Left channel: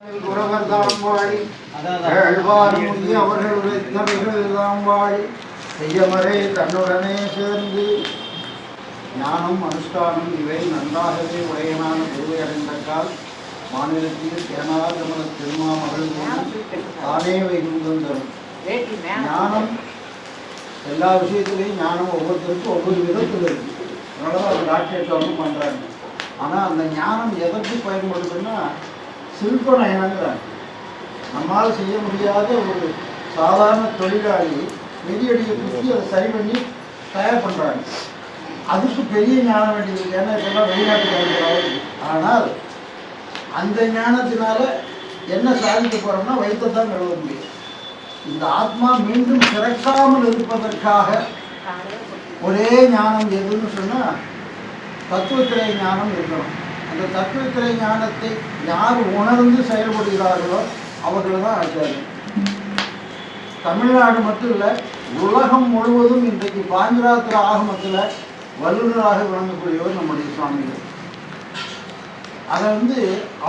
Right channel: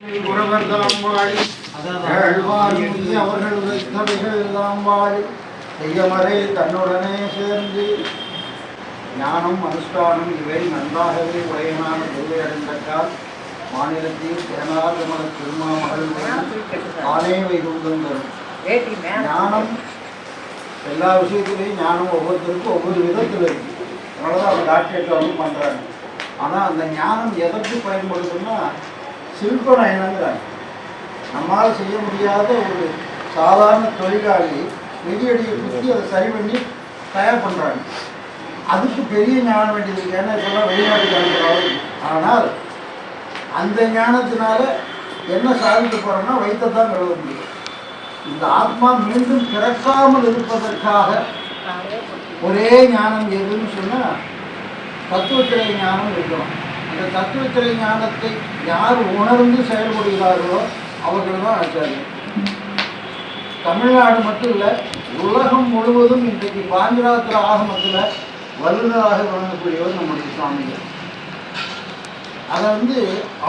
அவர்கள் உரைத்தவைகள் வாழி செய்யமறை தன்னுடனே சேர்ந்து ஞானம் அனுஷ்டானம் இவை நன்றாகவே உடையனான குருவை அடைந்தக்கால் மாநிலத்தில் திறனாக நமது திருமாமகள் தானே வைகுந்தம் தரும். ஞானம் எல்லா விஷயத்திலையும் ஞானம் ஒவ்வொருத்தருக்கும் ஒவ்வொரு விதத்தில் இருக்கு. அதனால அவங்க டாக்டரேட்டை வந்து பண்ணுறாங்க. ஆனால் அந்த ஞானம் எதற்கு பயன்படுதுன்னா சில்பநயனங்கிறாங்க. நம்மால் செய்ய முடியாத ஒரு சாதாரண தொழிலாளி மிதியடியை குத்தி அதை சரி பண்ணி தயார் பண்ணுறாங்க. அதுக்கு பெரிய ஞானம் வேண்டியது. ஏன்னா இப்போல்லாம் வெளிநாட்டுக்காரங்க. ஆனால் அந்த ஞானத்தினால என்ன சாதிக்க போகிறோம்னா வைத்தத்தான் எழுத முடியும். இந்த ஆத்மா மீண்டும் பிறக்காமல் இருப்பதற்காக ஒரே ஞானம் எதுன்னு சொன்னால் தத்துவத்திரை ஞானம் இருக்கணும். அந்த தத்துவத்திரை ஞானத்தை யார் உணர்ந்து செயல்படுகிறார்களோ அவர்கள் தான் ஆச்சாரியர். தமிழ்நாடு மட்டும் இல்லை, உலகம் முழுவதும் இன்றைக்கு பாஞ்சராத்திர ஆகமத்தில் வல்லுநராக விளங்கக்கூடியவர் நம்முடைய சுவாமிகள். அதை வந்து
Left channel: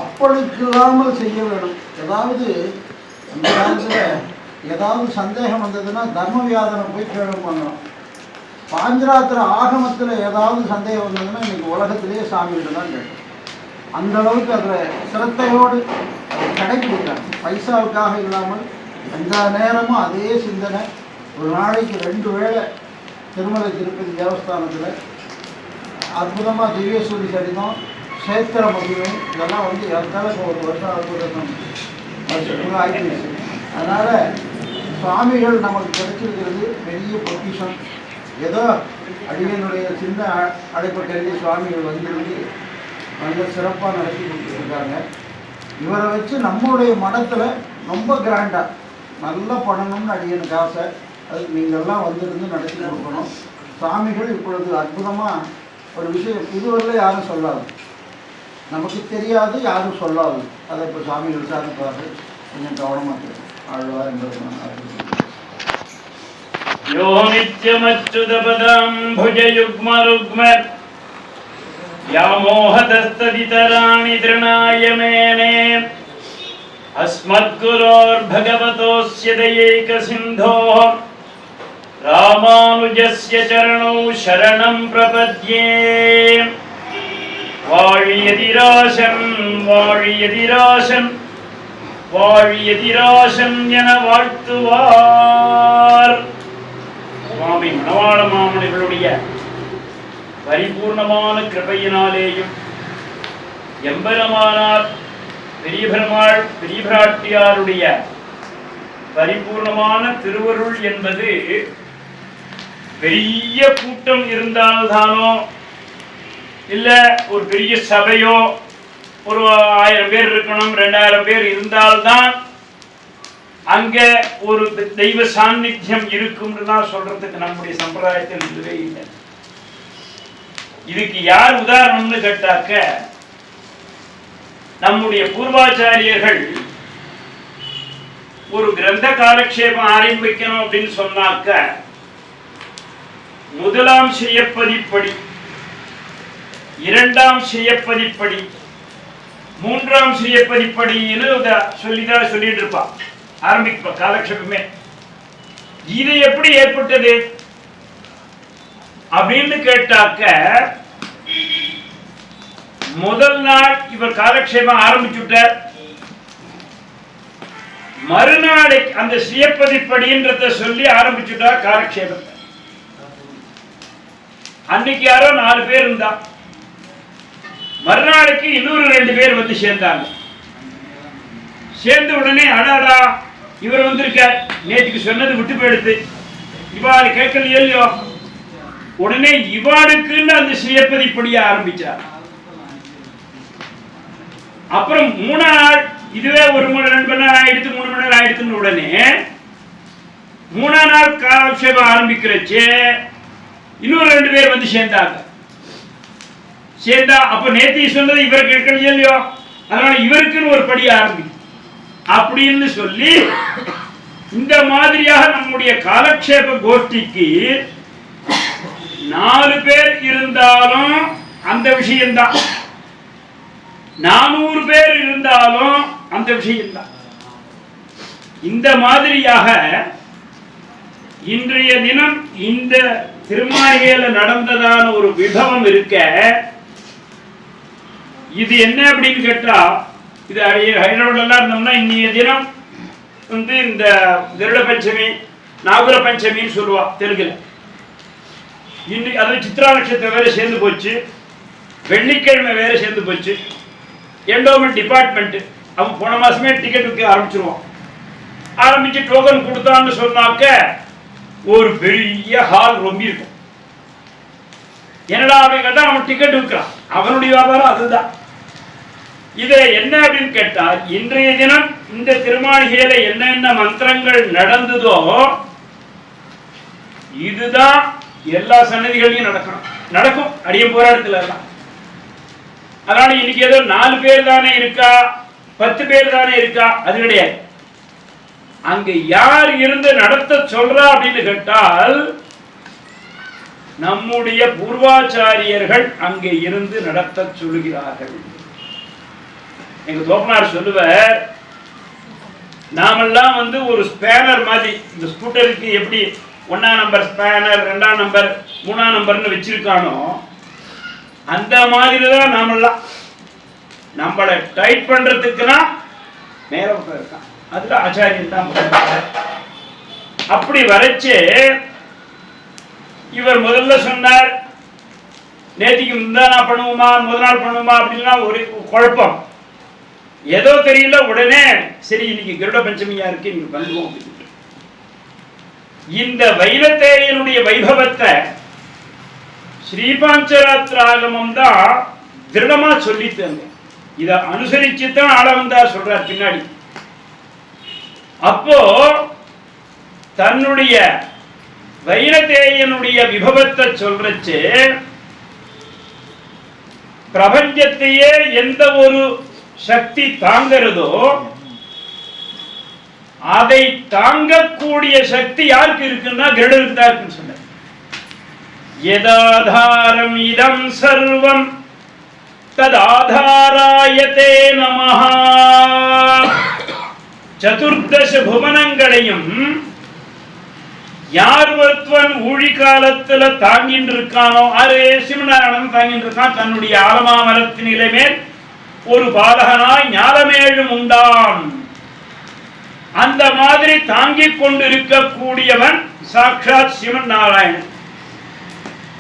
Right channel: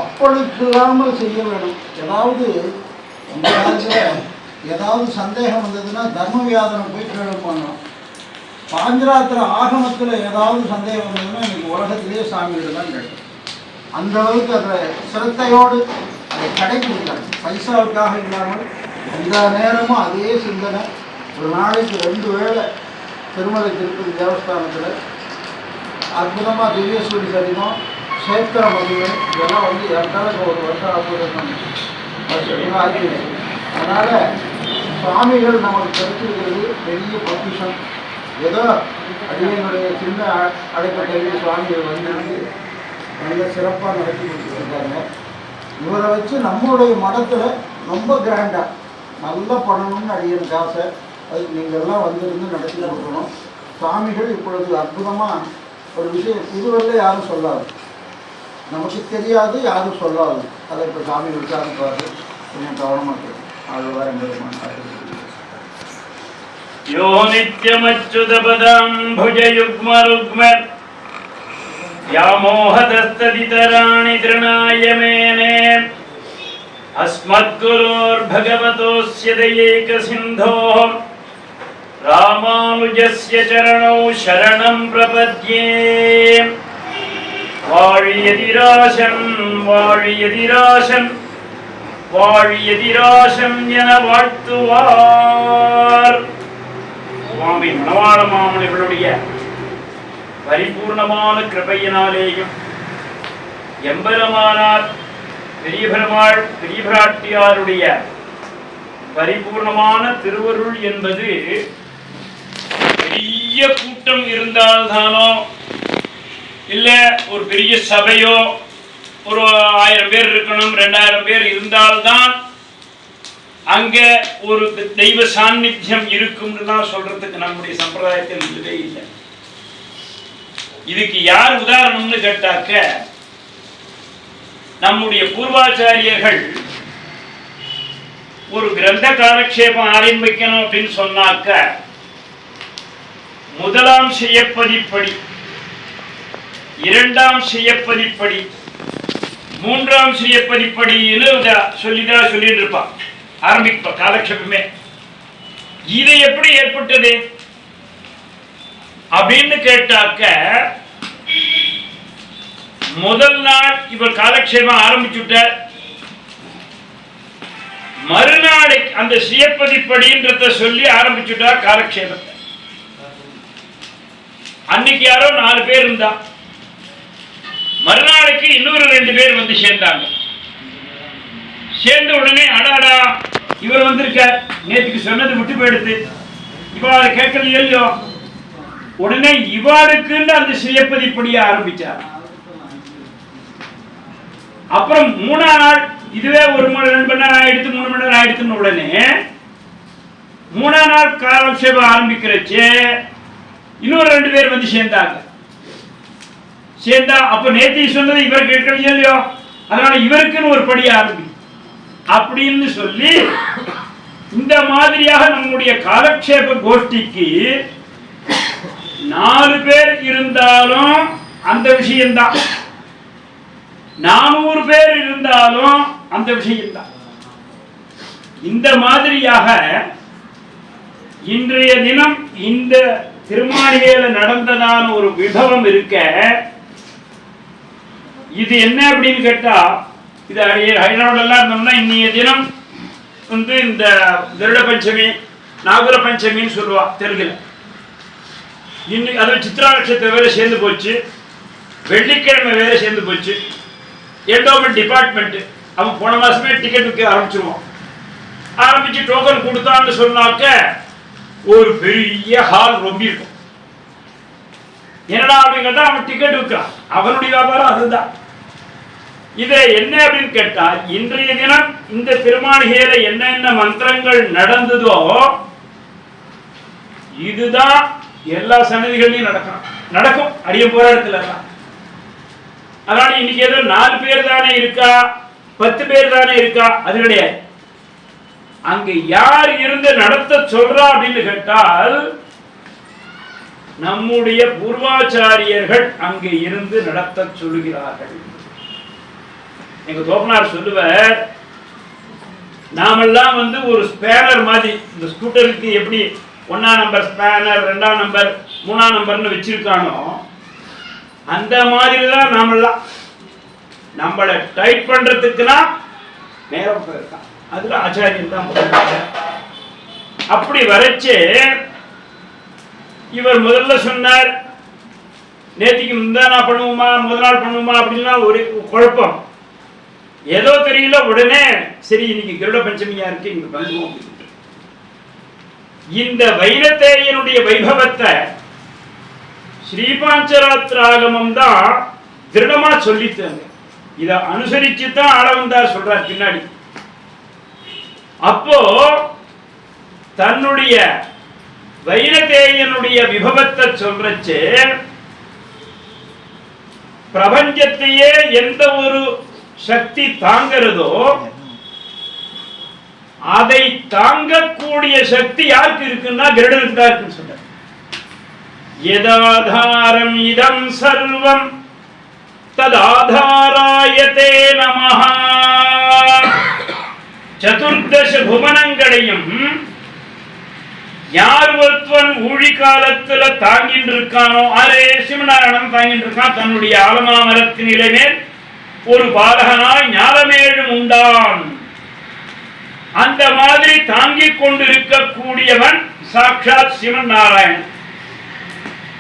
அப்பழுக்கில்லாமல் செய்ய வேணும். ஏதாவது அந்த காலத்தில் ஏதாவது சந்தேகம் வந்ததுன்னா தர்மவியாதனை போய் கேள்வி பண்ணணும். பாஞ்சராத்திர ஆகமத்தில் ஏதாவது சந்தேகம் வந்ததுன்னா இன்னைக்கு உலகத்திலேயே சாமிகிட்ட தான் கேட்கும். அந்த அளவுக்கு அதை சிரத்தையோடு அதை கடைபிடிக்கிறாங்க. பைசாவுக்காக இல்லாமல் எல்லா நேரமும் அதே சிந்தனை. ஒரு நாளைக்கு 2 வேளை திருமலை திருப்பதி தேவஸ்தானத்தில் அற்புதமாக திவ்யசூரி சரிதம், சேத்திர மகிமை இதெல்லாம் வந்து ஏற்கனவே ஒரு வருஷம் ஆகிடுச்சு. அதனால் சுவாமிகள் நமக்கு கிடைச்சிருக்கிறது பெரிய பொக்கிஷம். ஏதோ அடியனுடைய சின்ன அடைப்பட்ட சுவாமிகள் வந்திருந்து நல்ல சிறப்பாக நடத்தி கொடுத்துருக்காங்க. இவரை வச்சு நம்மளுடைய மடத்தில் ரொம்ப கிராண்டாக நல்லா பண்ணணும்னு அடியனுக்கு ஆசை. அதுக்கு நீங்கள்லாம் வந்திருந்து நடத்தி கொடுக்கணும். சுவாமிகள் இப்பொழுது அற்புதமாக ஒரு விஷயம் இதுவரையில் யாரும் சொல்லாது, நமக்கு தெரியாது, யாரும் சொல்லாது. அதை இப்போ சுவாமிகள் விசாரிப்பாரு. கொஞ்சம் கவனமாக இருக்கும். ஆழ்வார் யோ நித்யமச்சுதபதம் புஜயுக்மருக்ம யாமோஹதஸ்தவிதராணி திருநாய மேனே அஸ்மத்குரோர்பகவதோஸ்ய தயைகசிந்தோः ராமானுஜஸ்ய சரணௌ சரணம் பிரபத்யே. வாழியதிராசன் வாழியதிராசன் வாழியதிராசன் என வாழ்த்துவார். சுவாமி மணவாள மாமணிகளுடைய பரிபூர்ணமான கிருபையினாலேயும் எம்பெருமானார் பெரிய பெருமாள் பெரிய பிராட்டியாருடைய பரிபூர்ணமான திருவருள் என்பது பெரிய கூட்டம் இருந்தால்தானோ இல்ல ஒரு பெரிய சபையோ ஒரு 1000 பேர் இருக்கணும் 2000 பேர் இருந்தால்தான் அங்க ஒரு தெய்வ சாநித்தியம் இருக்கும்னு தான் சொல்றதுக்கு நம்முடைய சம்பிரதாயத்தில் இல்லவே இல்லை. இதுக்கு யார் உதாரணம்னு கேட்டாக்க நம்முடைய பூர்வாச்சாரியர்கள் ஒரு கிரந்த காலக்ஷேபம் ஆரம்பிக்கணும் அப்படின்னு சொன்னாக்க முதலாம் செய்யப்பதிப்படி, 2ஆம் செய்யப்பதிப்படி, 3ஆம் செய்யப்பதிப்படின்னு சொல்லிட்டு இருப்பான். ஆரம்பிப்ப காலக்ஷேபமே. இது எப்படி ஏற்பட்டது அப்படின்னு கேட்டாக்க முதல் நாள் இவர் காலக்ஷேபம் ஆரம்பிச்சுட்டார். மறுநாளைக்கு அந்த சுயப்பதிப்படின்றத சொல்லி ஆரம்பிச்சுட்டார் காலக்ஷேபத்தை. அன்னைக்கு யாரோ 4 பேர் இருந்தா, மறுநாளைக்கு இன்னொரு 2 பேர் வந்து சேர்ந்தாங்க. சேர்ந்த உடனே அடாடா இவர் வந்திருக்கார், நேற்றுக்கு சொன்னது விட்டு போயிடுது, இவா அதை கேட்கலையோ இல்லையோ. உடனே இவாளுக்குன்னு அந்த சுயப்பதிப்படிய ஆரம்பிச்சார். அப்புறம் 3ஆம் நாள் இதுவே 1 மணி 2 மணி நேரம் ஆயிடுத்து, 3 மணி நேரம் ஆயிடுத்துன்னு உடனே 3ஆம் நாள் காலக்ஷேபம் ஆரம்பிக்கிறச்சு இன்னொரு 2 பேர் வந்து சேர்ந்தாங்க. சேர்ந்தா அப்ப நேத்தி சொன்னது இவர் கேட்கலையோ இல்லையோ, அதனால இவருக்குன்னு ஒரு படி ஆரம்பி அப்படின்னு சொல்லி இந்த மாதிரியாக நம்முடைய காலக்ஷேப கோஷ்டிக்கு 4 பேர் இருந்தாலும் அந்த விஷயம்தான், 400 பேர் இருந்தாலும் அந்த விஷயம்தான். இந்த மாதிரியாக இன்றைய தினம் இந்த திருமாளிகையில நடந்ததான ஒரு விபவம் இருக்க, இது என்ன அப்படின்னு கேட்டா, இது ஹைதராபாத்லாம் இருந்தோம்னா இன்னைய தினம் இந்த கருட பஞ்சமி நாகுல பஞ்சமின்னு சொல்லுவா தெலுங்குல. இன்னைக்கு அது சித்ரா நட்சத்திரம் வேற சேர்ந்து போச்சு, வெள்ளிக்கிழமை வேற சேர்ந்து போச்சு. என்டோமெண்ட் டிபார்ட்மெண்ட் அவன் போன மாசமே டிக்கெட் விற்க ஆரம்பிச்சிருவான். ஆரம்பிச்சு டோக்கன் கொடுத்தான்னு சொன்னாக்க ஒரு பெரிய ஹால் ரொம்ப இருக்கும். என்னடா அப்படின்னு கேட்டா அவன் டிக்கெட் விற்கிறான், அவனுடைய வியாபாரம் அதுதான். இதை என்ன அப்படின்னு கேட்டா, இன்றைய தினம் இந்த திருமாளிகையில என்னென்ன மந்திரங்கள் நடந்ததோ இதுதான் எல்லா சன்னதிகளையும் நடக்கும் அடியும் போராட்டத்துல எல்லாம். அதனால இன்னைக்கு ஏதோ 4 பேர் தானே இருக்கா, 10 பேர் தானே இருக்கா, அது கிடையாது. அங்க யார் இருந்து நடத்த சொல்றா அப்படின்னு கேட்டால், நம்முடைய பூர்வாச்சாரியர்கள் அங்கே இருந்து நடத்த சொல்லுகிறார்கள். எங்க தோப்பனார் சொல்லுவார், நாமெல்லாம் ஒரு ஸ்பேனர் மாதிரி, இந்த ஸ்கூட்டருக்கு எப்படி 1ஆம் நம்பர் ஸ்பேனர் 2ஆம் நம்பர் 3ஆம் நம்பர்னு வச்சிருக்கானோ அந்த மாதிரி தான் நாமெல்லாம். நம்மளை டைட் பண்றதுக்குன்னா மேல இருக்கான், அதுல ஆச்சாரியன் தான் முதல்ல. அப்படி வரைச்சு இவர் முதல்ல சொன்னார், நேத்திக்கு முந்தா நாள் பண்ணுவோமா முதல் நாள் பண்ணுவோமா அப்படின்னா ஒரு குழப்பம். ஏதோ தெரியல, உடனே சரி இன்னைக்கு கருட பஞ்சமியா இருக்கு இங்க பண்ணுவோம். இந்த வைனத்தேயனுடைய வைபவத்தை ஸ்ரீபாஞ்சராத்திராகமம் தான் திருடமா சொல்லித்தாங்க. இதை அனுசரிச்சு தான் ஆளவந்தார் சொல்றார் பின்னாடி. அப்போ தன்னுடைய வைனத்தேயனுடைய விபவத்தை சொல்றச்சு, பிரபஞ்சத்தையே எந்த ஒரு சக்தி தாங்கிறதோ அதை தாங்கக்கூடிய சக்தி யாருக்கு இருக்குன்னா கருடனுக்கு தான் இருக்குன்னு சொன்னார். யதாதாரம் இதம் சர்வம் ததாதாராயதே நமஹ. சதுர்தச புவனங்களையும் யார் ஒருத்தவன் ஊழி காலத்துல தாங்கிட்டு இருக்கானோ, அரே சிவநாராயணன் தாங்கிட்டு இருக்கான். தன்னுடைய ஆலமாமரத்தின் இலைமேல் ஒரு பாலகனாய் ஞாலமேழும் உண்டான். அந்த மாதிரி தாங்கிக் கொண்டிருக்கக்கூடியவன் சாட்சாத் சிவன் நாராயணன்.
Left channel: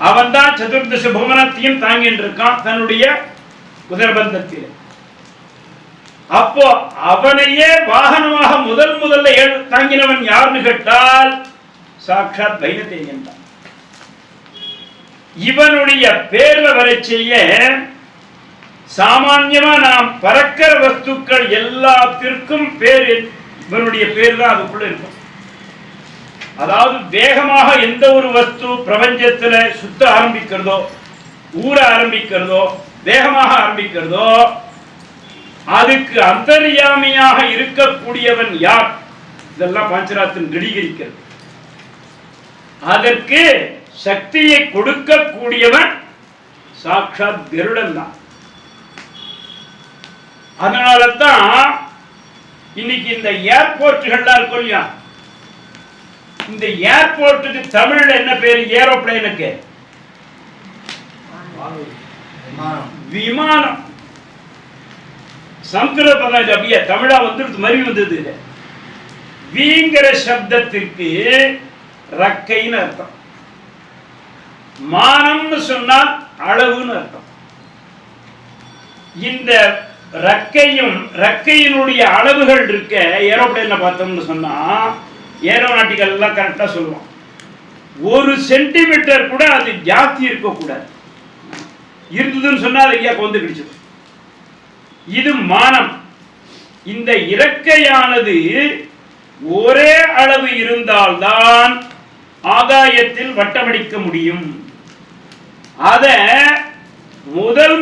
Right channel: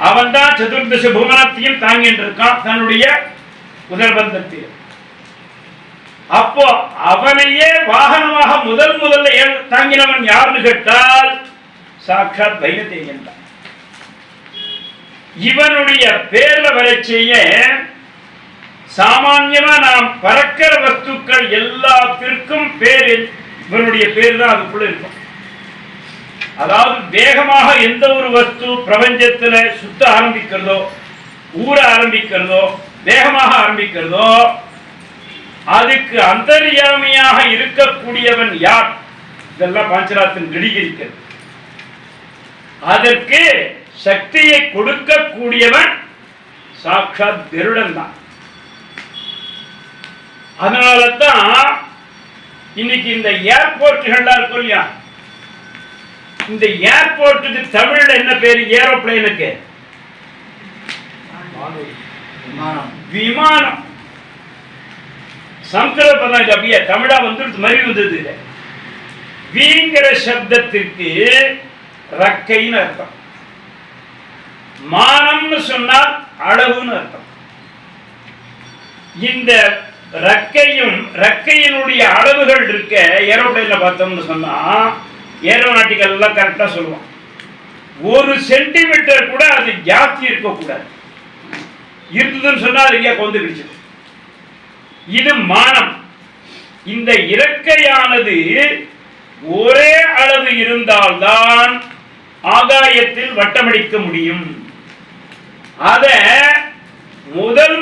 அவன் தான் சதுர்தச புவனத்தையும் தாங்கிட்டு இருக்கான் தன்னுடைய உதரபந்தத்தில். அப்போ அவனையே வாகனமாக முதல்ல தாங்கினவன் யாருன்னு கேட்டால் சாட்சாத் வைனத்தேயன் தான். இவனுடைய பேர்ல வரைச்செய்ய சாமான்யமா நாம் பறக்கிற வஸ்துக்கள் எல்லாத்திற்கும் பேர் இவனுடைய பேர் தான் அதுக்குள்ள இருக்கும். அதாவது வேகமாக எந்த ஒரு வஸ்து பிரபஞ்சத்துல சுத்த ஆரம்பிக்கிறதோ, ஊற ஆரம்பிக்கிறதோ, வேகமாக ஆரம்பிக்கிறதோ, அதுக்கு அந்தர்யாமியாக இருக்கக்கூடியவன் யார்? இதெல்லாம் பாஞ்சராத்தின் கிடிகிரிக்கிறது. அதற்கு சக்தியை கொடுக்கக்கூடியவன் சாட்சாத் கருடன் தான். அதனால தான் இன்னைக்கு இந்த ஏர்போர்ட்டுகள்லாம் இருக்கும் இல்லையா, இந்த ஏர்போர்ட்டுக்கு தமிழ்ல என்ன பேரு? ஏரோப்ளேனுக்கு விமானம். சம்ஸ்கிருத பதம் அப்படியே தமிழா வந்துடுது, மறி வந்தது. வீங்கிற சப்தத்திற்கு ரக்கைன்னு அர்த்தம், மானம்னு சொன்னால் அளவுன்னு அர்த்தம். இந்த ரக்கையினுடைய அளவுகள் இருக்க ஏரோப்ளேன்ல பார்த்தோம்னு சொன்னா, ஏரோநாட்டிக்கல் எல்லாம் கரெக்டா சொல்லுவான், 1 சென்டிமீட்டர் கூட அது ஜாஸ்தி இருக்கக்கூடாது. இருந்ததுன்னு சொன்னா அது எங்கேயா கொண்டு கிடைச்சது. இது மானம். இந்த இறக்கையானது ஒரே அளவு இருந்தால்தான் ஆகாயத்தில் வட்டமடிக்க முடியும். அத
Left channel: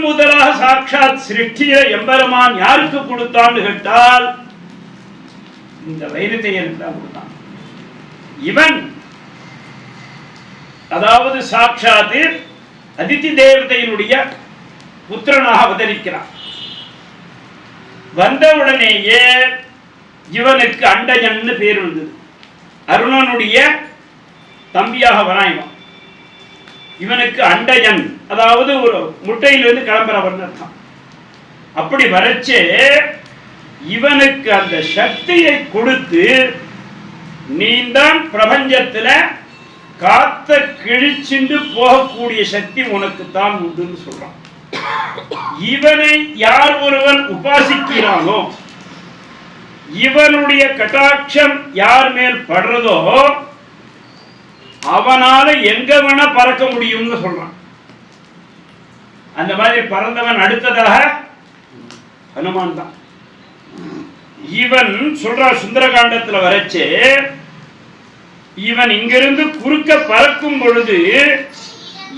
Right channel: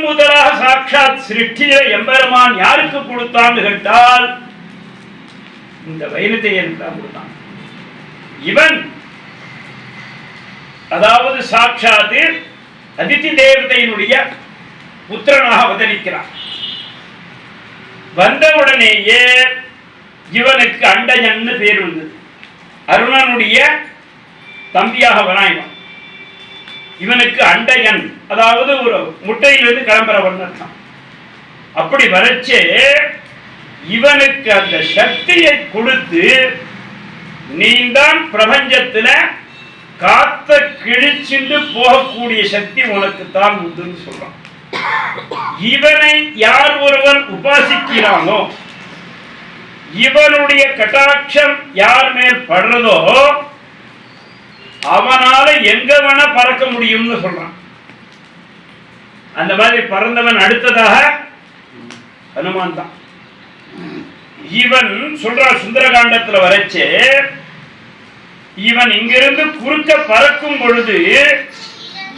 முதலாக சாட்சாத் சிருஷ்டிய எம்பெருமான் யாருக்கு கொடுத்தான்னு கேட்டால் இந்த வைனத்தேயனுக்கு தான் கொடுத்தான். இவன் அதாவது சாட்சாத் அதித்தி தேவதையினுடைய புத்திரனாக அவதரிக்கிறான். வந்தவுடனேயே இவனுக்கு அண்டஜன்னு பேர் வந்தது. அருணனுடைய தம்பியாக வரான் இவனுக்கு அண்டஜன், அதாவது ஒரு முட்டையிலிருந்து கிளம்புறவன் அர்த்தம். அப்படி வரச்சே இவனுக்கு அந்த சக்தியை கொடுத்து நீதான் பிரபஞ்சத்துல காத்த கிழிச்சிண்டு போகக்கூடிய சக்தி உனக்கு தான் உண்டுன்னு சொல்றான். இவனை யார் ஒருவன் உபாசிக்கிறானோ, இவனுடைய கட்டாட்சம் யார் மேல் படுறதோ அவனால எங்க வேணா பறக்க முடியும்னு சொல்றான். அந்த மாதிரி பறந்தவன் அடுத்ததாக ஹனுமான் தான். இவன் சொல்றான் சுந்தரகாண்டத்துல வரைச்சே, இவன் இங்கிருந்து குறுக்க பறக்கும் பொழுது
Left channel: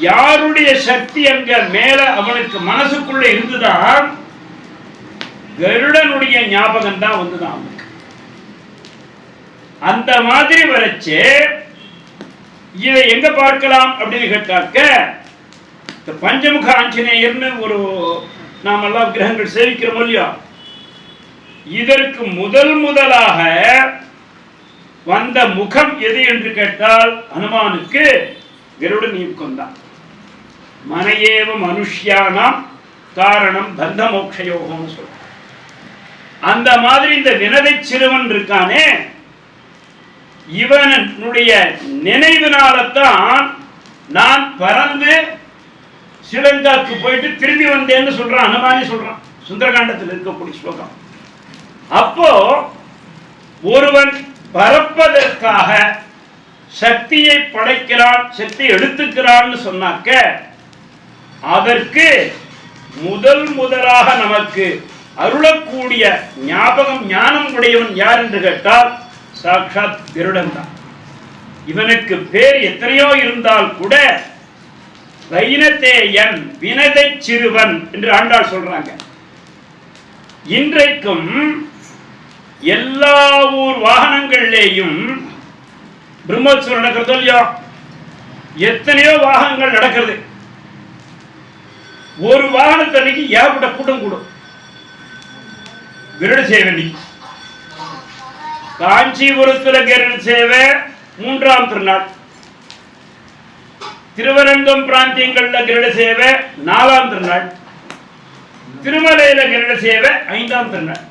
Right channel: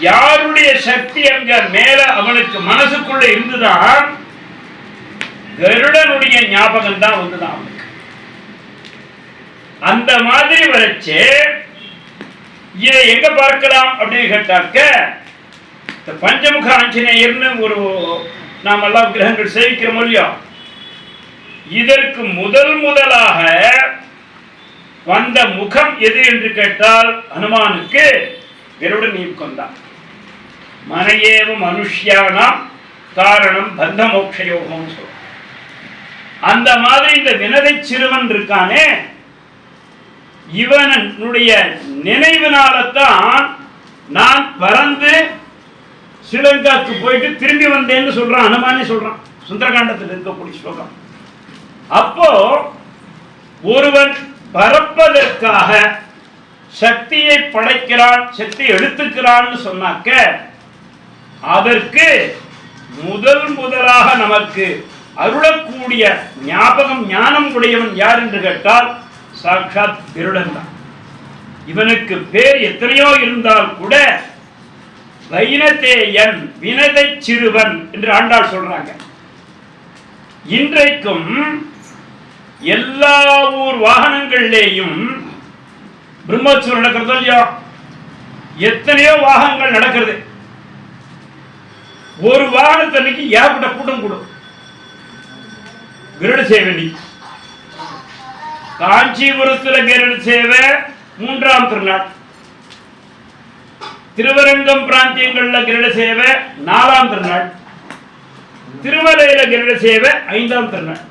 யாருடைய சக்தி அங்க மேல அவனுக்கு மனசுக்குள்ள இருந்துதான், கருடனுடைய ஞாபகம் தான் வந்துதான் அவனுக்கு. அந்த மாதிரி வரைச்சே இதை எங்க பார்க்கலாம் அப்படின்னு கேட்டாக்க, பஞ்சமுக ஆஞ்சநேயர்னு ஒரு நாம் எல்லாம் கிரகங்கள் சேவிக்கிறோம் இல்லையா, இதற்கு முதலாக வந்த முகம் எது என்று கேட்டால் ஹனுமானுக்கு கருடன் யுகம் தான். மனையேவ மனுஷ்யானாம் காரணம் பந்த மோக்ஷயோகம்னு சொல்ற. அந்த மாதிரி இந்த வினதை சிறுவன் இருக்கானே, இவனுடைய நினைவினால்தான் நான் பறந்து ஸ்ரீலங்காக்கு போயிட்டு திரும்பி வந்தேன்னு சொல்றான். ஹனுமானே சொல்றான் சுந்தரகாண்டத்தில் இருக்கக்கூடிய ஸ்லோகம். அப்போ ஒருவன் பறப்பதற்காக சக்தியை படைக்கிறான், சக்தி எடுத்துக்கிறான்னு சொன்னாக்க அதற்கு முதலாக நமக்கு அருளக்கூடிய ஞாபகம் ஞானம் உடையவன் யார் என்று கேட்டால் சாட்சாத் கருடன் தான். இவனுக்கு பேர் எத்தனையோ இருந்தால் கூட வைனதேயன் வினதை சிறுவன் என்று ஆண்டாள் சொல்றாங்க. இன்றைக்கும் எல்லா ஊர் வாகனங்களிலேயும் பிரம்மோற்சவம் நடக்கிறதோ இல்லையா, எத்தனையோ வாகனங்கள் நடக்கிறது. ஒரு வாகனத்தன்னைக்கு ஏற்பட்ட கூட்டம் கூடும். கருட சேவை காஞ்சிபுரத்தில் கருட சேவை 3ஆம் திருநாள், திருவரங்கம் பிராந்தியங்கள்ல கருட சேவை 4ஆம் திருநாள், திருமலையில கருட சேவை 5ஆம் திருநாள்.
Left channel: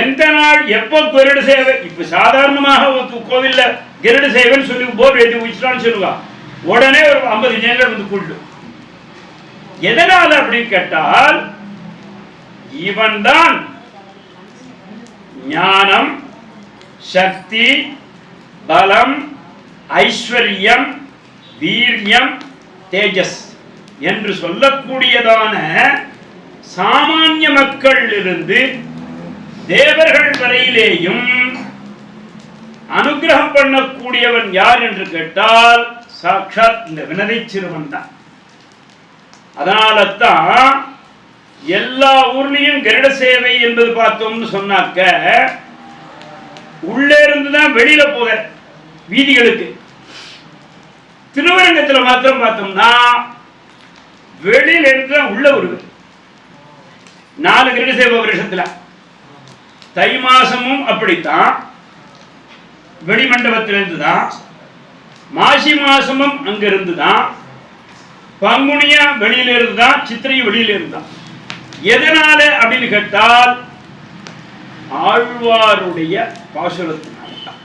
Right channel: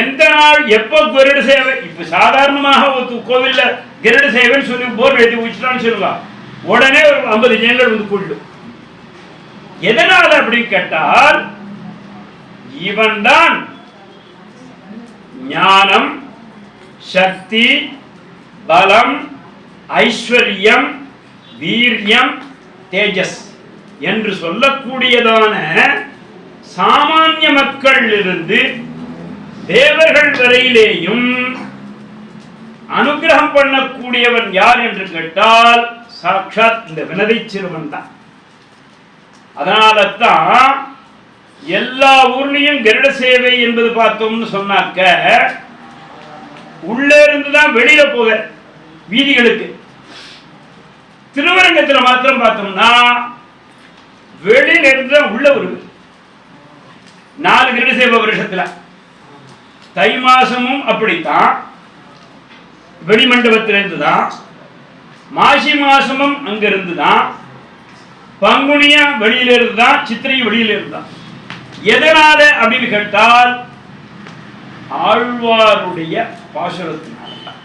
எந்த நாள் எப்ப கருட சேவை, இப்ப சாதாரணமாக கோவில்ல கருட சேவைன்னு சொல்லி போர்டு எழுதி வச்சுட்டான்னு சொல்லுவா, உடனே ஒரு 50 ஜனங்கள் வந்து கூட்டு. எதனால அப்படின்னு கேட்டால் இவன் தான் ஞானம், சக்தி, பலம், ஐஸ்வர்யம், வீரியம், தேஜஸ் என்று சொல்லக்கூடியதான சாமானிய மக்கள் இருந்து தேவர்கள் வரையிலேயும் அனுகிரகம் பண்ணக்கூடியவன் யார் என்று கேட்டால் சாட்சாத் இந்த வினதை சிறுவன் தான். அதனால தான் எல்லா ஊர்லயும் கருட சேவை என்பது பார்த்தோம்னு சொன்னாக்க உள்ளே இருந்துதான் வெளியில போக வீதிகளுக்கு. திருவரங்கத்தில் மாத்திரம் பார்த்தோம்னா வெளியில இருந்து உள்ள வருது. 4 கருட சேவை வருஷத்துல தை மாசமும் அப்படித்தான் வெளிமண்டபத்திலிருந்து தான், மாசி மாசமும் அங்க இருந்து தான், பங்குனியா வெளியில இருந்தான், சித்திரை வெளியில இருந்தான். எதனால அப்படின்னு கேட்டால் ஆழ்வாருடைய பாசுரத்தினால்தான்.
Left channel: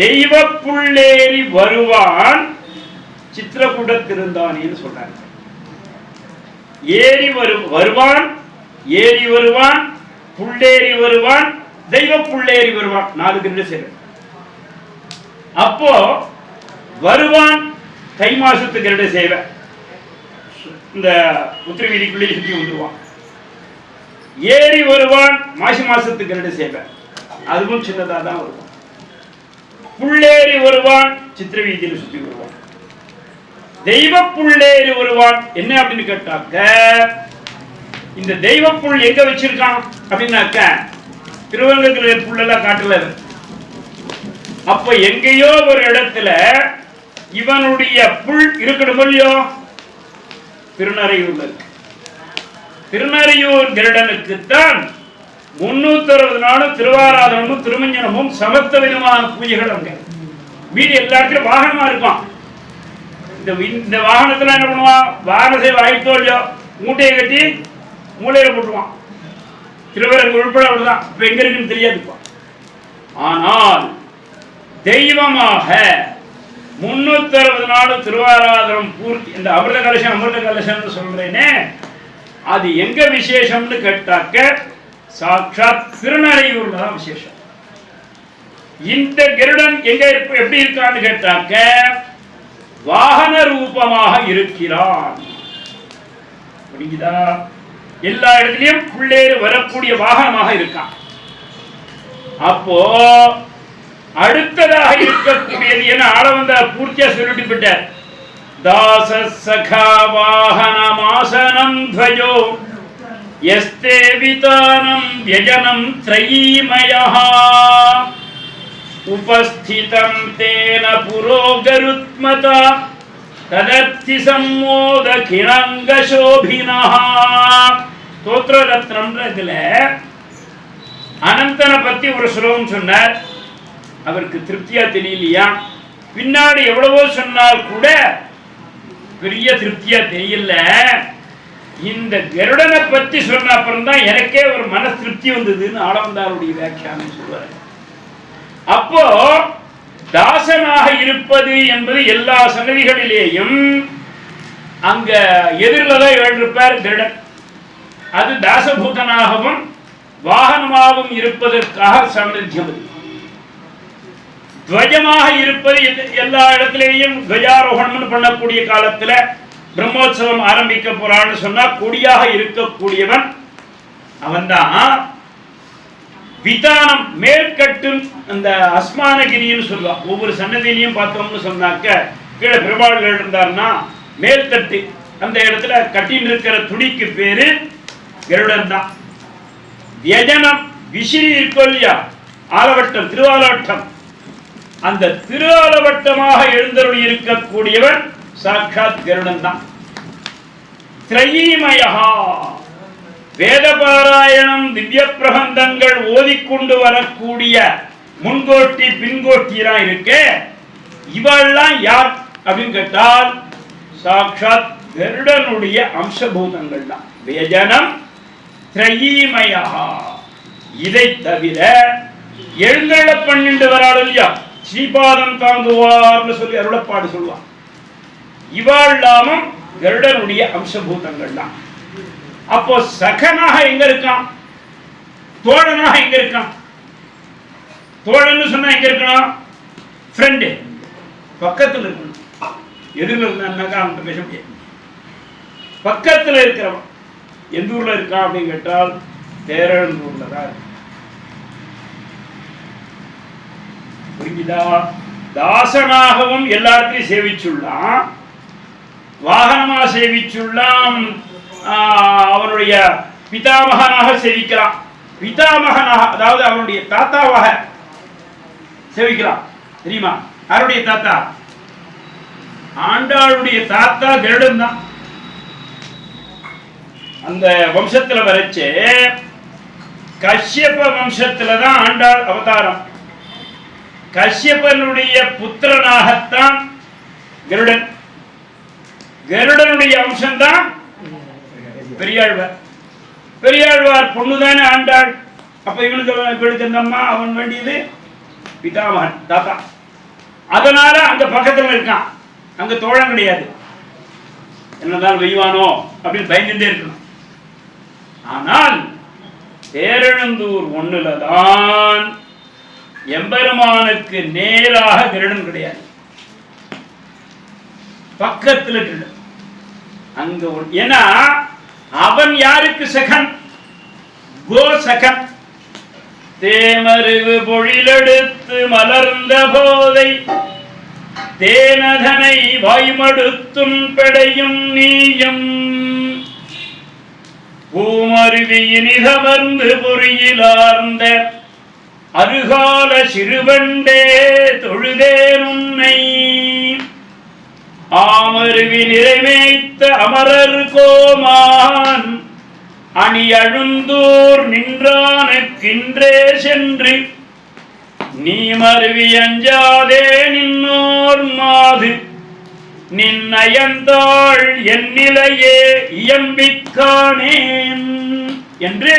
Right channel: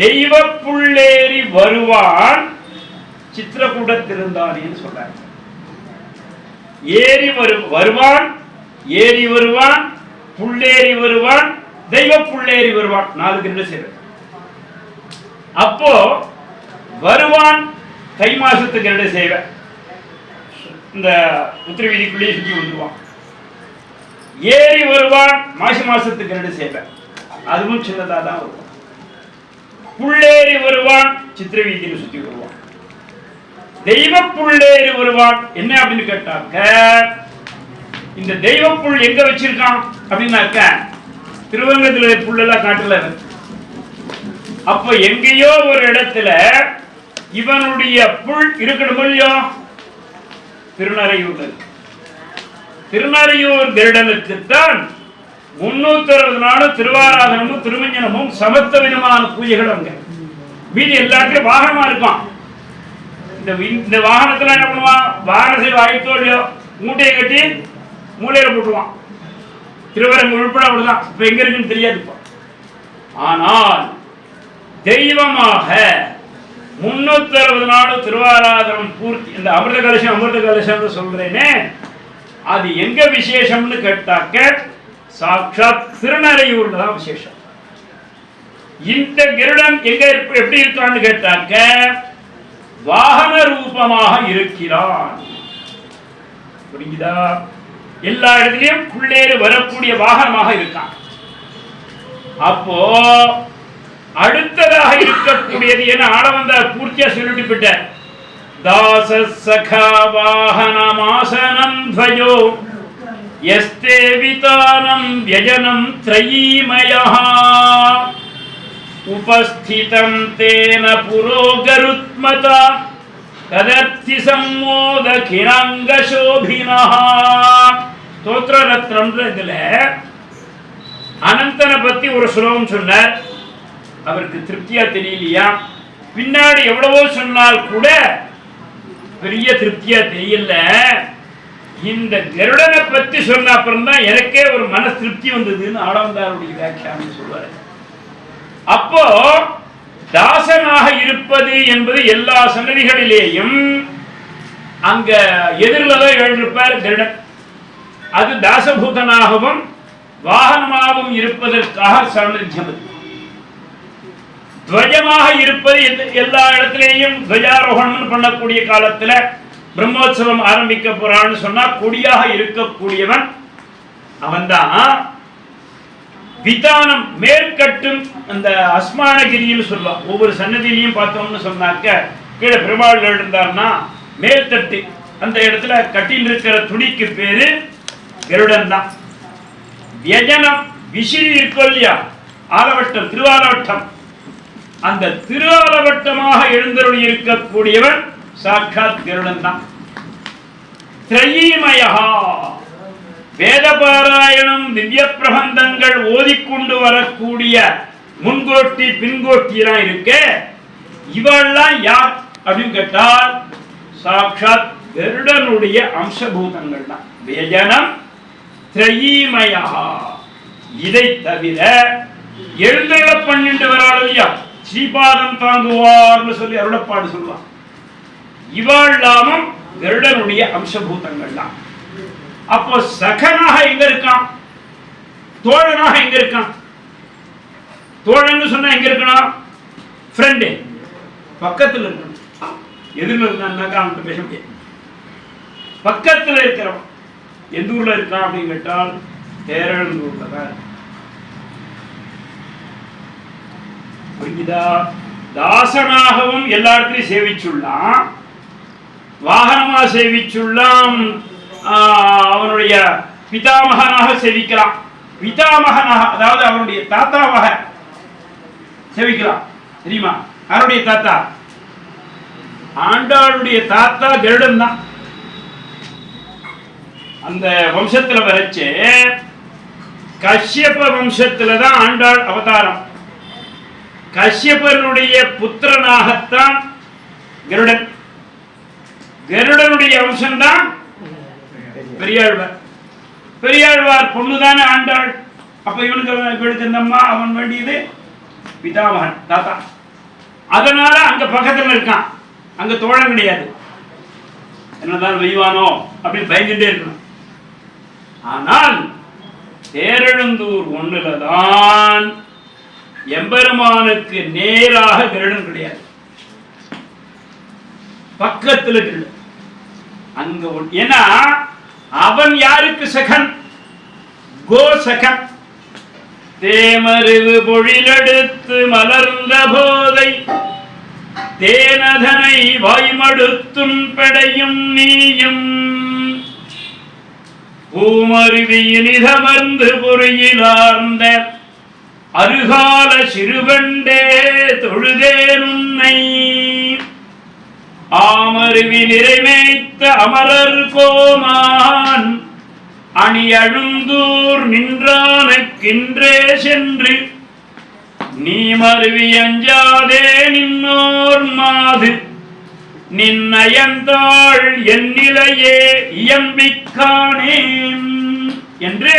தெய்வ புள்ளேறி வருவான் சித்திரக்கூடத்திருந்தானேன்னு சொல்றாங்க. வருவான், ஏறி வருவான், புள்ளேறி வருவான், தெய்வ புள்ளேறி வருவான். 4 கருட சேவை. அப்போ வருவான் தை மாசத்து கருட சேவை, இந்த உத்திர வீதிக்குள்ளேயே சுற்றி வந்துருவான். ஏறி வருவான் மாசி மாசத்து கருட சேவை, அதுவும் சின்னதா தான் வருவான். புள்ளேறி வருவான் சித்திர வீதியில் சுற்றி வருவான். தெய்வ புள்ளேறி வருவான் என்ன அப்படின்னு கேட்டாக்க, இந்த தெய்வ புல் எங்க வச்சிருக்கான் அப்படின்னாக்க திருவரங்கத்தில் புல்லெல்லாம் காட்டுல. அப்ப எங்கேயோ ஒரு இடத்துல இவனுடைய புல் இருக்கணும் இல்லையோ, திருநறையூர்ல இருக்கு. திருநறையூர் கருடனுக்குத்தான் 360 நாளும் திருவாராதனமும் திருமஞ்சனமும் சமத்த விதமான பூஜைகள் அங்க. மீதி எல்லாத்துலயும் வாகனமா இருக்கும். இந்த வாகனத்துல என்ன பண்ணுவான், வாகனத்தை வாய்த்தோ இல்லையோ மூட்டையை கட்டி மூளையில போட்டுருவான். திருவரங்கு உள்பட அப்படிதான். இப்ப எங்க இருக்குன்னு தெரியாது. ஆனால் தெய்வமாக 360 நாளும் திருவாராதனம் பூர்த்தி. இந்த அமிர்த கலசம் சொல்றேனே, அது எங்க விசேஷம்னு கேட்டாக்க சாட்சாத் திருநறையூர்ல தான் விசேஷம். இந்த கருடன் எங்க எப்படி இருக்கான்னு கேட்டாக்க வாகன ரூபமாக இருக்கிறான். புரியுதா? எல்லா இடத்திலையும் புள்ளேறு வரக்கூடிய வாகனமாக இருக்கான். அப்போ அடுத்ததாக இருக்கக்கூடியது என ஆள வந்த பூர்த்தியா சொல்லிட்டு விட்டார். தாச சகா வாகனமாசனம் துவயோ யஸ்தே விதானம் வ்யஜனம் த்ரயீமயஹ உபஸ்திதம் தேன புரோகருத்மதா ததர்த்தி சம்மோத கிணங்க சோபினஹ. ஸ்தோத்திர ரத்னம்ன்றதுல அனந்தனை பத்தி ஒரு ஸ்லோகம் சொன்னார். அவருக்கு திருப்தியா தெரியலையா? பின்னாடி எவ்வளவோ சொன்னால் கூட பெரிய திருப்தியா தெரியல. இந்த கருடனை பத்தி சொன்ன அப்புறம் தான் எனக்கே ஒரு மன திருப்தி வந்ததுன்னு ஆளவந்தாருடைய வியாக்கியானம் சொல்வார். அப்போ தாசனாக இருப்பது என்பது எல்லா சன்னதிகளிலேயும் அங்க எதிரில்தான் எழுந்திருப்பார் கருடன். அது தாசபூதனாகவும் வாகனமாகவும் இருப்பதற்காக சாநித்தியம். துவஜமாக இருப்பது எல்லா இடத்திலேயும் துவஜாரோகணம் பண்ணக்கூடிய காலத்துல பிரம்மோற்சவம் ஆரம்பிக்க போறான்னு சொன்னா கொடியாக இருக்கக்கூடியவன் அவன்தான். விதானம் மேற்கட்டும் அந்த அஸ்மானகிரின்னு சொல்லுவான். ஒவ்வொரு சன்னதியிலையும் பார்த்தோம்னு சொன்னாக்க கீழே பெருமாள் இருந்தார்னா மேல்தட்டு அந்த இடத்துல கட்டின்னு இருக்கிற துணிக்கு பேரு கருடன் தான். வியஜனம் விசிறி இருக்கோ இல்லையா, ஆலவட்டம் திருவாலவட்டம், அந்த திருவாலவட்டமாக எழுந்தருளி இருக்கக்கூடியவன் சாட்சாத் கருடன் தான். திரையீமயஹா வேத பாராயணம் திவ்ய பிரபந்தங்கள் ஓதிக்கொண்டு வரக்கூடிய முன்கோட்டி பின்கோட்டி எல்லாம் இருக்கு. இவெல்லாம் யார் அப்படின்னு கேட்டால் சாட்சாத் கருடனுடைய அம்சபூதங்கள் தான். வேஜனம் திரையீமயஹா. இதை தவிர எழுந்தருள பண்ணிட்டு வராள் இல்லையா, ஸ்ரீபாதம் தாங்குவார்னு சொல்லி அருளப்பாடு சொல்லுவான். இவாழ்லாமும் கருடனுடைய அம்சபூதங்கள் தான். அப்போ சகனாக எங்க இருக்கான், தோழனாக எங்க இருக்கான்? தோழன்னு சொன்னா எங்க இருக்கணும்? ஃப்ரெண்டு பக்கத்தில் இருக்கணும். எதிரில் இருந்தான்னாக்கா அவன்கிட்ட பேச முடியாது. பக்கத்தில் இருக்கிறவன் எந்த ஊர்ல இருக்கான் அப்படின்னு கேட்டால் பேரழந்தூர்ல தான். புரிஞ்சுதா? தாசனாகவும் எல்லா இடத்துலையும் சேவிச்சுள்ளான், வாகனமா சேவிச்சுள்ளான், அவனுடைய பிதாமகனாக சேவிக்கலாம். பிதாமகனாக அதாவது அவனுடைய தாத்தாவாக சேவிக்கலாம். தெரியுமா யாருடைய தாத்தா? ஆண்டாளுடைய தாத்தா கருடன் தான். அந்த வம்சத்துல வரைச்சு கஷ்யப வம்சத்துல தான் ஆண்டாள் அவதாரம். கஷ்யபனுடைய புத்திரனாகத்தான் கருடன். கருடனுடைய அம்சம்தான் பெரியாழ்வார். பெரியாழ்வார் பொண்ணுதானே ஆண்டாள். அப்ப இவனுக்கு இந்த அம்மா அவன் வேண்டியது பிதாமகன் தாத்தா. அதனால அங்க பக்கத்துல இருக்கான், அங்க தோழம் கிடையாது. என்னதான் வெய்வானோ அப்படின்னு பயந்துட்டே இருக்கணும். ஆனால் தேரெழுந்தூர் ஒண்ணுலதான் எம்பெருமானுக்கு நேராக கருடன் கிடையாது, பக்கத்துல கருடன். அங்க ஏன்னா அவன் யாருக்கு சகன்? கோ சகன். தேமருகு பொழிலெடுத்து மலர்ந்த போதை தேனதனை வாய்மடுத்தும் படையும் நீயும் பூமருவியினிதமர்ந்து பொறியிலார்ந்த அருகால சிறுவண்டே தொழுதேன் உன்னை ஆமருவி நிறைவேய்த்த அமரர் கோமான் அணி அழுந்தூர் நின்றானுக்கின்றே சென்று நீ மருவி அஞ்சாதே நின்னோர் மாது நின்னயந்தாள் என்னிலையே இயம்பிக்கானேன் என்று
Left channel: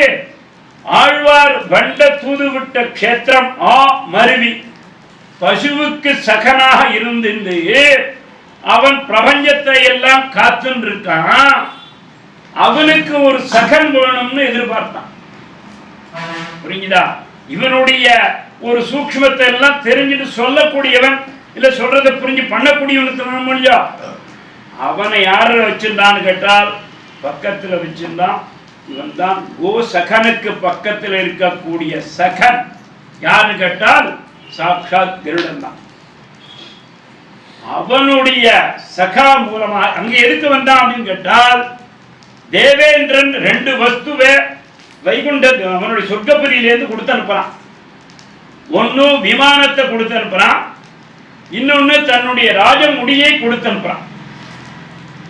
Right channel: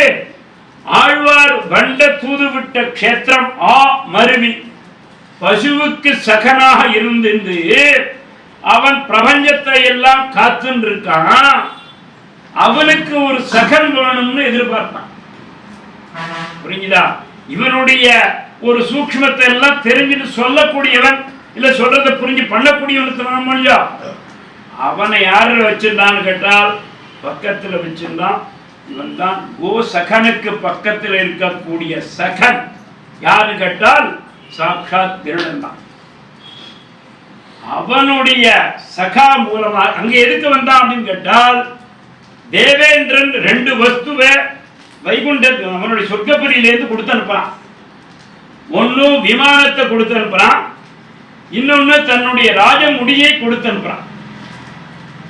ஆழ்வார் வண்ட தூதுவிட்ட க்ஷேத்திரம் மருவி பசுவுக்கு சகனாக இருந்து அவன் பிரபஞ்சத்தை எல்லாம் காத்துன்னு இருக்கான். அவனுக்கு ஒரு சகன் வேணும்னு எதிர்பார்த்தான். புரிஞ்சுதா? இவனுடைய ஒரு சூக்ஷ்மத்தை எல்லாம் தெரிஞ்சுட்டு சொல்லக்கூடியவன், இல்ல சொல்றதை புரிஞ்சு பண்ணக்கூடியவனுக்கு அவனை யாரு வச்சிருந்தான்னு கேட்டால் பக்கத்தில் வச்சிருந்தான். இவன் தான் கோ சகனுக்கு பக்கத்தில் இருக்கக்கூடிய சகன். யாரு கேட்டால் சாட்சாத் கருடன் தான். அவனுடைய சகா மூலமாக அங்கே எதுக்கு வந்தான் அப்படின்னு கேட்டால், தேவேந்திரன் 2 வஸ்துவை வைகுண்ட அவனுடைய சொர்க்கபுரியிலேருந்து கொடுத்து அனுப்புறான். ஒன்னு விமானத்தை கொடுத்து அனுப்புறான், இன்னொன்னு தன்னுடைய ராஜமுடியை கொடுத்து அனுப்புறான்.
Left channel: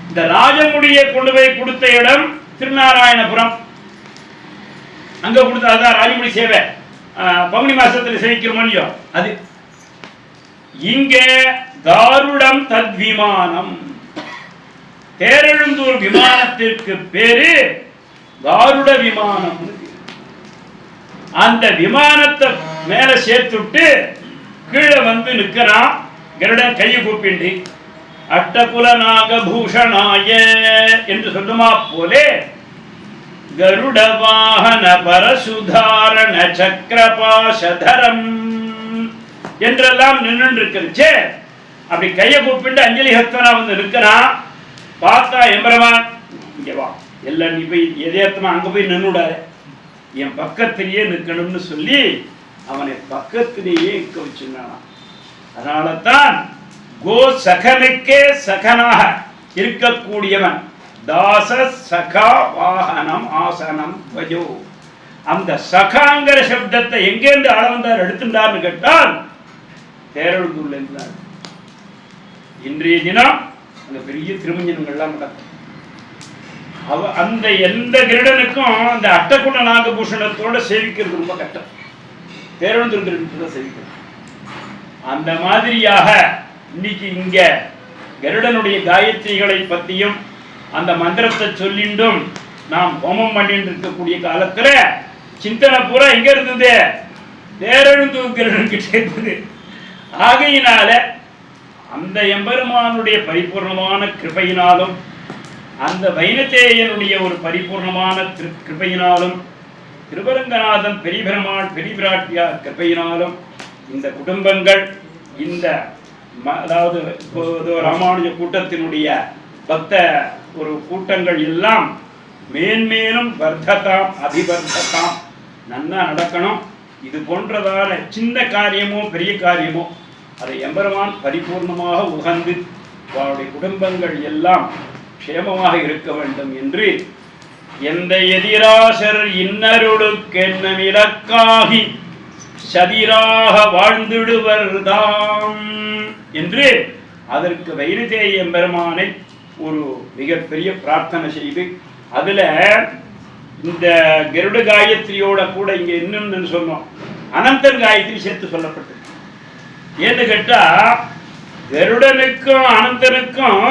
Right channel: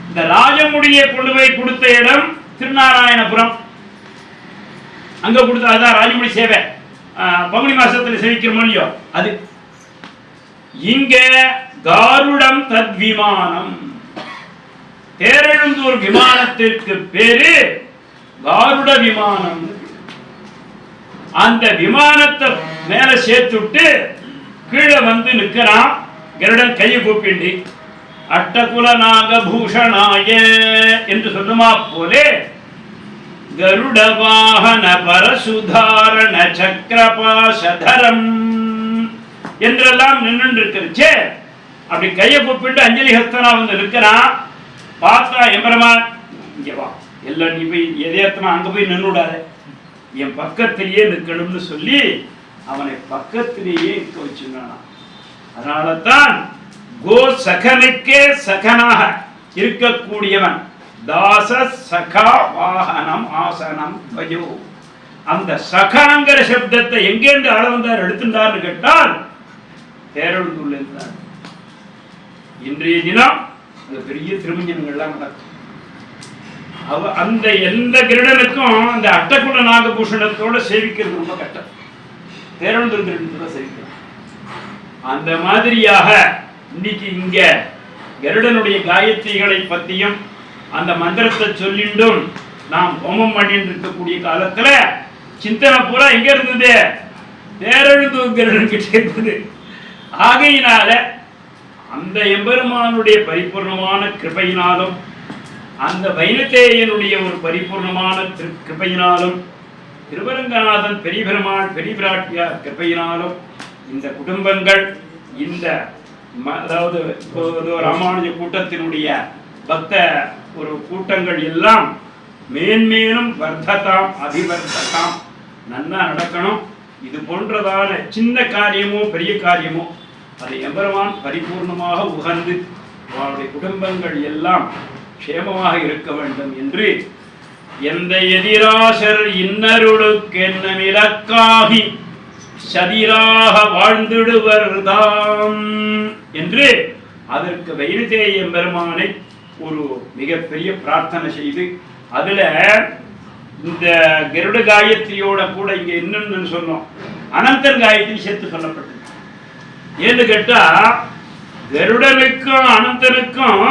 இந்த ராஜமுடியை கொண்டு போய் கொடுத்த இடம் திருநாராயணபுரம். அங்க கொடுத்த அதுதான் ராஜமுடி சேவை. பங்குனி மாசத்துல சேவிக்கிறோம் இல்லையோ அது. இங்க காருடம் தத்விமானம், பேரெழுந்தூர் விமானத்திற்கு பேரு காருட விமானம். அந்த விமானத்தை மேல சேர்த்துட்டு கீழே வந்து நிற்கிறான் கருடன் கையை கூப்பிண்டி. அட்டகுல நாகபூஷணாய என்று சொல்லுமா போலே கருட வாகன பரசுதாரண சக்கரபாசதரம் என்றெல்லாம் நின்று இருக்கிறச்சே. அப்படி கையை கூப்பிட்டு அஞ்சலி ஹஸ்தனா வந்து நிற்கிறான். பார்த்தா எம்பெருமான் இங்க வா, எல்லாம் நீ போய் எதேத்தமா அங்க போய் நின்றுடாத, என் பக்கத்திலேயே நிற்கணும்னு சொல்லி அவனை பக்கத்திலேயே நிற்க வச்சுருந்தான். அதனால தான் கோ சகனுக்கே சகனாக இருக்கக்கூடியவன் தாச சகா வாகனம் ஆசனம் வஜோ. அந்த சகாங்கிற சப்தத்தை எங்கேருந்து அளவந்தார் எடுத்துட்டார்னு கேட்டால் பேரெழுந்தூர்ல இருந்தார். இன்றைய தினம் அங்க பெரிய திருமஞ்சனங்கள்லாம் நடக்கும். அந்த எந்த கிருடனுக்கும் அந்த அட்டகுண நாகபூஷணத்தோட சேவிக்கிறது ரொம்ப கஷ்டம். பேரெழுந்தூர் கிருடனத்தோட சேவிக்கிறது. அந்த மாதிரியாக இன்னைக்கு இங்க கருடனுடைய காயத்ரிகளை பற்றியும் அந்த மந்திரத்தை சொல்லிண்டும் நாம் ஹோமம் பண்ணிட்டு இருக்கக்கூடிய காலத்துல சிந்தனை பூரா எங்க இருந்தது? பேரெழுந்தூர் கருடன் கிட்ட இருந்தது. ஆகையினால அந்த எம்பெருமானுடைய பரிபூர்ணமான கிருபையினாலும் அந்த வைனதேயனுடைய ஒரு பரிபூர்ணமான கிருபையினாலும் திருவரங்கநாதன் பெரிய பெருமாள் பெரிய பிராட்டியார் கிருபையினாலும் இந்த குடும்பங்கள் இந்த அதாவது ராமானுஜ கூட்டத்தினுடைய பக்த ஒரு கூட்டங்கள் எல்லாம் மேன்மேலும் வர்த்ததாம் அபிவர்த்ததாம் நன்னா நடக்கணும். இது போன்றதான சின்ன காரியமோ பெரிய காரியமோ அதை எம்பெருமான் பரிபூர்ணமாக உகந்து அவருடைய குடும்பங்கள் எல்லாம் க்ஷேமமாக இருக்க வேண்டும் என்று எந்த எதிராசர் இன்னருளுக்கென்னும் இலக்காகி சதிராக வாழ்ந்திடுவர்தாம் என்று அதற்கு வைனதேய எம்பெருமானை ஒரு மிகப்பெரிய பிரார்த்தனை செய்து அதுல இந்த கருட காயத்ரியோட கூட இங்க என்னன்னு சொன்னோம், அனந்தன் காயத்ரி சேர்த்து சொல்லப்பட்டது. ஏன்னு கேட்டா கருடனுக்கும் அனந்தனுக்கும்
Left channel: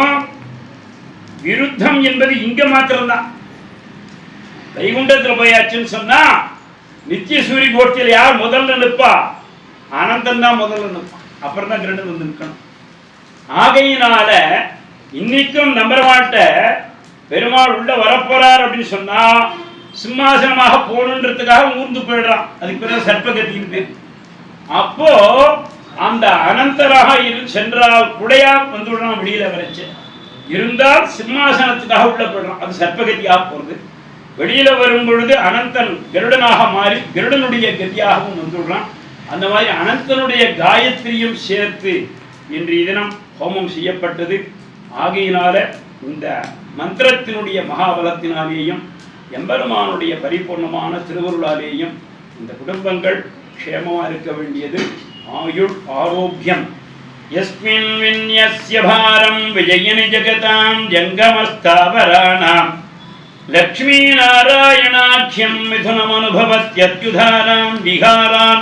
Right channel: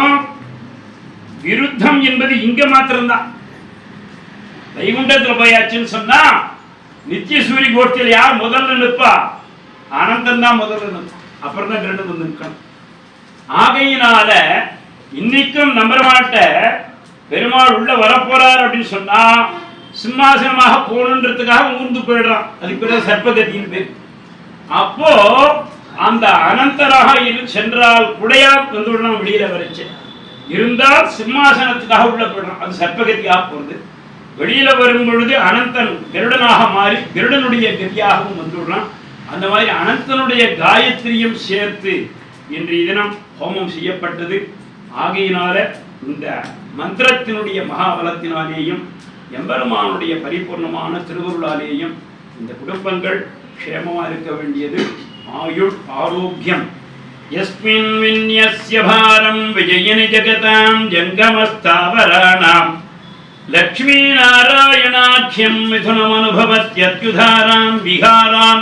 விருத்தம் என்பது இங்க மாத்திரம்தான். வைகுண்டத்துல போயாச்சுன்னு சொன்னா நித்திய சூரிய கோஷ்டியில் யார் முதல்ல நிற்பா? அனந்தன் தான் முதல்ல நிற்பான். அப்புறம் தான் கருடன் வந்து நிற்கணும். ஆகையினால இன்னைக்கும் நம்பரமாட்ட பெருமாள் உள்ள வரப்போறார் அப்படின்னு சொன்னா சிம்மாசனமாக போகணுன்றதுக்காக ஊர்ந்து போயிடுறான். அதுக்கு பிறகு சர்ப்பகத்தின்னு பேர். அப்போ அந்த அனந்தராக சென்றால் குடையா வந்துவிடணும் வெளியில வரைச்சு இருந்தால் சிம்மாசனத்துக்காக உள்ள போயிடுறான். அது சர்ப்பகத்தியாக போறது. வெளியில வரும் பொழுது அனந்தன் கருடனாக மாறி கருடனுடைய கதியாகவும் வந்துவிடுறான். அந்த மாதிரி அனந்தனுடைய காயத்ரியும் சேர்த்து இன்றைய தினம் ஹோமம் செய்யப்பட்டது. ஆகையினால இந்த மந்திரத்தினுடைய மகாபலத்தினாலேயும் எம்பெருமானுடைய பரிபூர்ணமான திருவருளாலேயும் இந்த குடும்பங்கள் க்ஷேமமாக இருக்க வேண்டியது ஆயுள் ஆரோக்கியம். யஸ்மின் வின்யஸ்ய பாரம் விஜயனி ஜகதாம் ஜங்கமஸ்தாவராணாம் லக்ஷ்மீ நாராயணாख्यं மிதுனமனுபவத்யத்யுதாரான் விகாரான்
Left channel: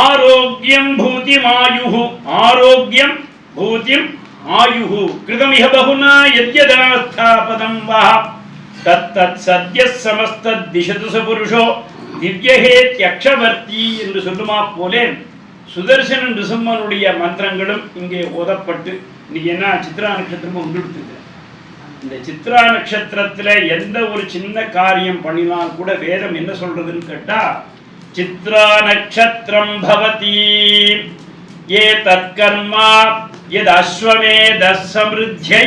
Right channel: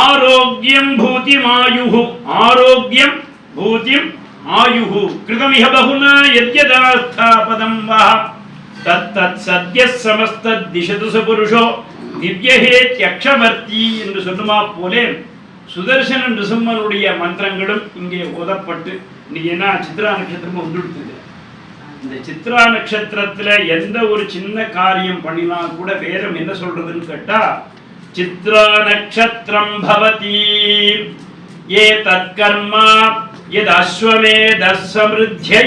ஆரோக்கியம் பூதிமாயுஹு ஆரோக்கியம் பூதிம் ஆயுஹு கிருதமிஹ பகுனா யத்யதாஸ்தாபதம் வா தத்தத் சத்யஸ் சமஸ்தத் திசது சபுருஷோ திவ்யஹேத்யக்ஷவர்த்தி என்று சொல்லுமா போலே சுதர்சன நிருசிம்மனுடைய மந்திரங்களும் இங்கே ஓதப்பட்டு இன்னைக்கு என்ன சித்ரா நட்சத்திரமும் வந்துடுத்துது. இந்த சித்ரா நட்சத்திரத்துல எந்த ஒரு சின்ன காரியம் பண்ணினால் கூட வேதம் என்ன சொல்றதுன்னு கேட்டா சித்ரா நட்சத்திரம் பவதி ஏ தற்கர்மா எது அஸ்வமேத சமிருத்தியை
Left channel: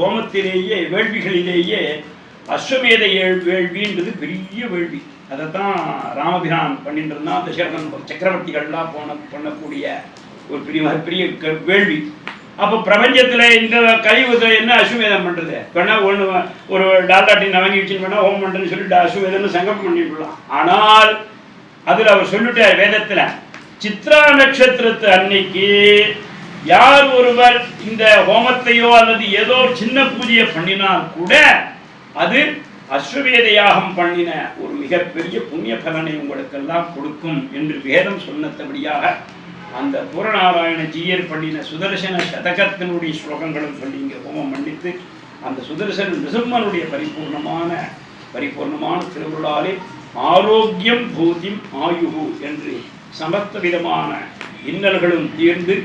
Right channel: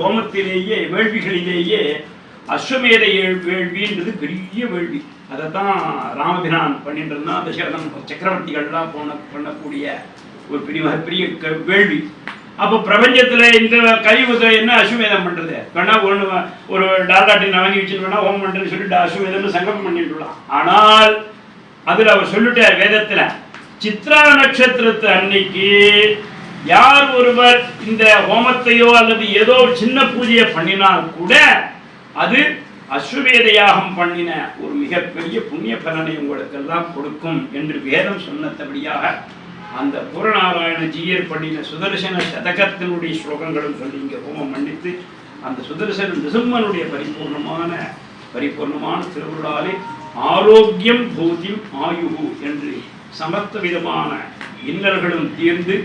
ஹோமத்திலேயே வேள்விகளிலேயே அஸ்வமேத வேள்வின்றது பெரிய வேள்வி. அதைத்தான் ராமபிரான் பண்ணிட்டு இருந்தான். தசரதன் சக்கரவர்த்திகள்லாம் பண்ணக்கூடிய ஒரு பெரிய வேள்வி. அப்போ பிரபஞ்சத்துல இந்த கலியுகத்துல என்ன அஸ்வமேதம் பண்றது வேணா ஒன்று ஒரு டாட்டாட்டின் வாங்கி வச்சுன்னு வேணா ஹோமம் பண்றேன்னு சொல்லிட்டு அஸ்வமேதம்னு சங்கல்பம் பண்ணிடலாம். ஆனால் அதுல அவர் சொல்லிட்டார் வேதத்துல சித்ரா நட்சத்திரத்து அன்னைக்கு யார் ஒருவர் இந்த ஹோமத்தையோ அல்லது ஏதோ ஒரு சின்ன பூஜையை பண்ணினால் கூட அது அஸ்வமேத யாகம் பண்ணின ஒரு மிகப்பெரிய புண்ணிய பலனை உங்களுக்கெல்லாம் கொடுக்கும் என்று வேதம் சொன்னபடியாக அந்த பூரநாராயண ஜீயர் பண்ணின சுதர்சன சதகத்தினுடைய ஸ்லோகங்களும் சொல்லி இங்கே ஹோமம் மன்னித்து அந்த சுதர்சன நிருசிம்மனுடைய பரிபூர்ணமான திருவுருளாலே ஆரோக்கியம் பூதிம் ஆயுகு என்று சமஸ்த விதமான இன்னல்களும் தீர்ந்து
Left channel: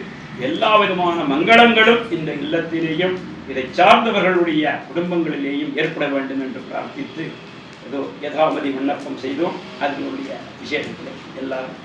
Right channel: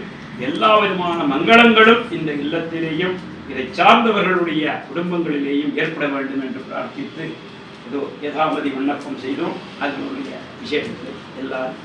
எல்லா விதமான மங்களங்களும் இந்த இல்லத்திலேயும் இதை சார்ந்தவர்களுடைய குடும்பங்களிலேயும் ஏற்பட வேண்டும் என்று பிரார்த்தித்து ஏதோ யதாமதி விண்ணப்பம் செய்தோம். அதனுடைய விசேஷத்தை எல்லாரும்